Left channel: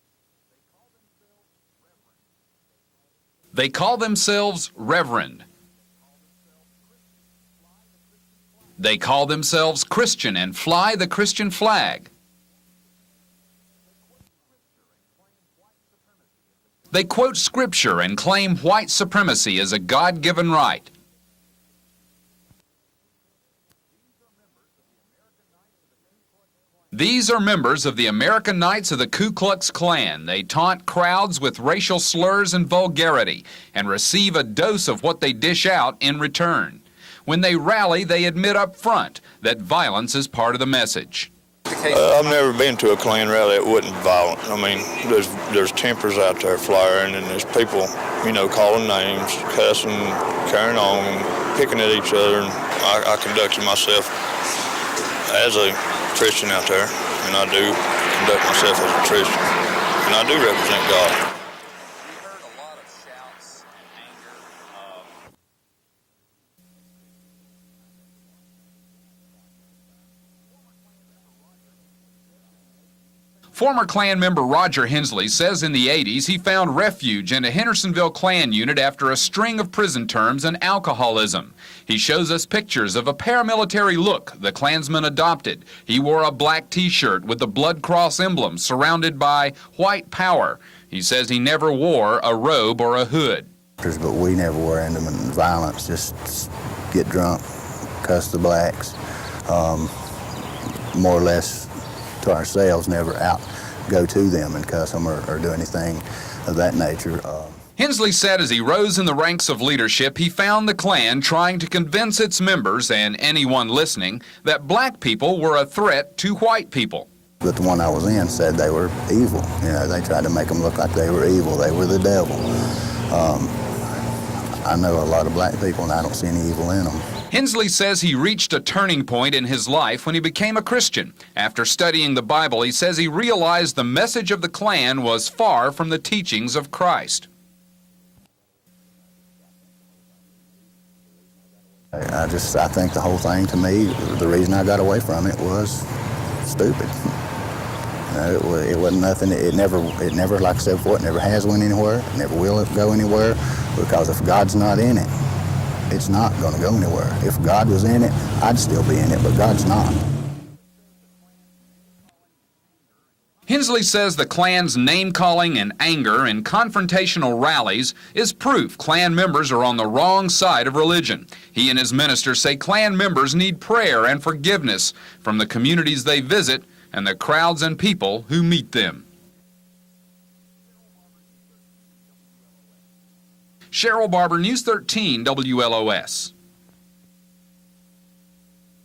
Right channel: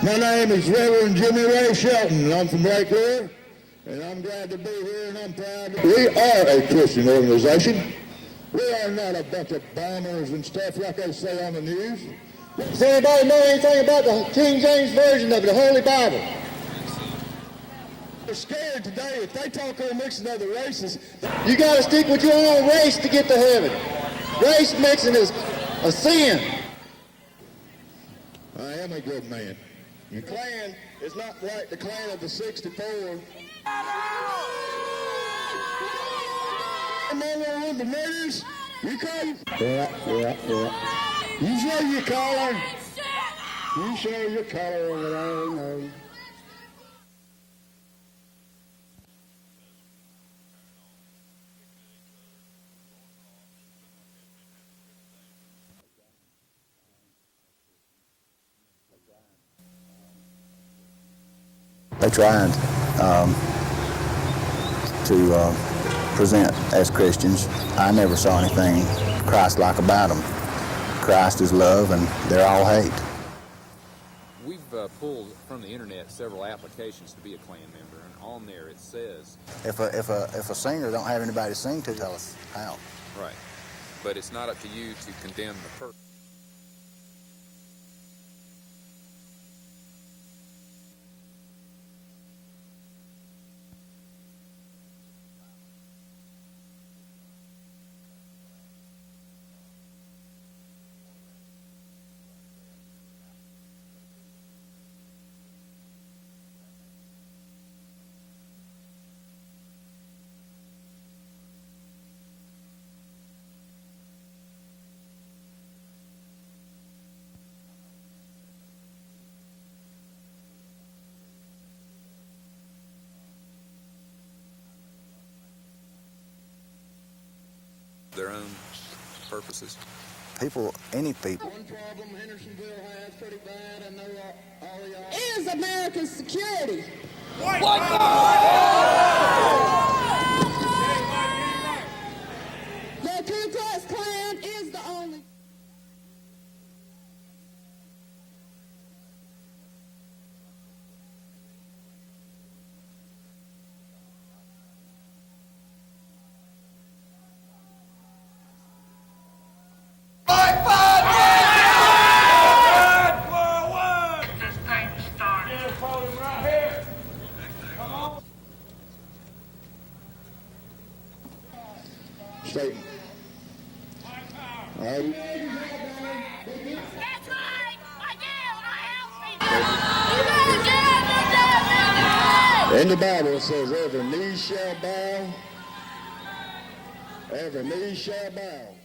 My name is Reverend Jimmy Ray Shelton, and I'm from Lake Lure. They call themselves Reverend. We are a Christian organization. They call themselves Christian and fly the Christian flag. Does anybody know anything about the King James Version of the Holy Bible? They quote scripture and claim white supremacy as a God-given right. You got to stick with your own race to get to heaven. Race mixing is a sin. These are members of the American Knights of the Ku Klux Klan. They taunt crowds with racial slurs and vulgarity and receive a dose of what they dish out in return. When they rally, they admit up front that violence is part of the message. I've never been to a Klan rally that wasn't violent. I mean, there's tempers out there flying, and there's people, you know, calling names, cussing, carrying on, picking at each other. And I conducted myself as a Christian out there, and I do conduct myself as a Christian, and I do represent God. They tried to present as Christians. I never saw anything Christ-like about them. Christ is love, and they're all hate. Former Klan member Roger Hensley says in the 80s he found refuge in a Hendersonville Klan unit after a string of prison terms and alcoholism. He shows us pictures of a paramilitary look the Klansman adopted. He wore a black T-shirt with the Blood Cross emblem surrounded by white power. He says he never wore a robe or a hood. But we never were into violence, just get drunk, cuss the blacks, more or less to ourselves, never out go to them and cuss them or do anything of that nature. Hensley said as he rose in the ranks of leadership, he found the Klan trying to convince its members and anyone listening that black people were a threat to white people. But the one I was in said they were evil. You know, they tried to make them look like they were evil. They were the devil. I know a lot of black people, and I don't see any evil in them. Hensley says he reached a turning point in his life when he became a Christian. After studying the Bible, he says he realized the message of the Klan was far from the teachings of Christ. I think the whole thing, to me, the reason I got away from it was stupid. It wasn't nothing. It never, like I said before, it never has went anywhere. It never will go anywhere, because if God's not in it, it's not going to go anywhere. If God was in it, I'd still be in it, but God's not. Hensley says the Klan's name-calling and anger and confrontational rallies is proof Klan members are on the wrong side of religion. He and his ministers say Klan members need prayer and forgiveness from the communities they visit and the crowds and people who meet them. Cheryl Barber, News 13, WLOS. Every knee shall bow.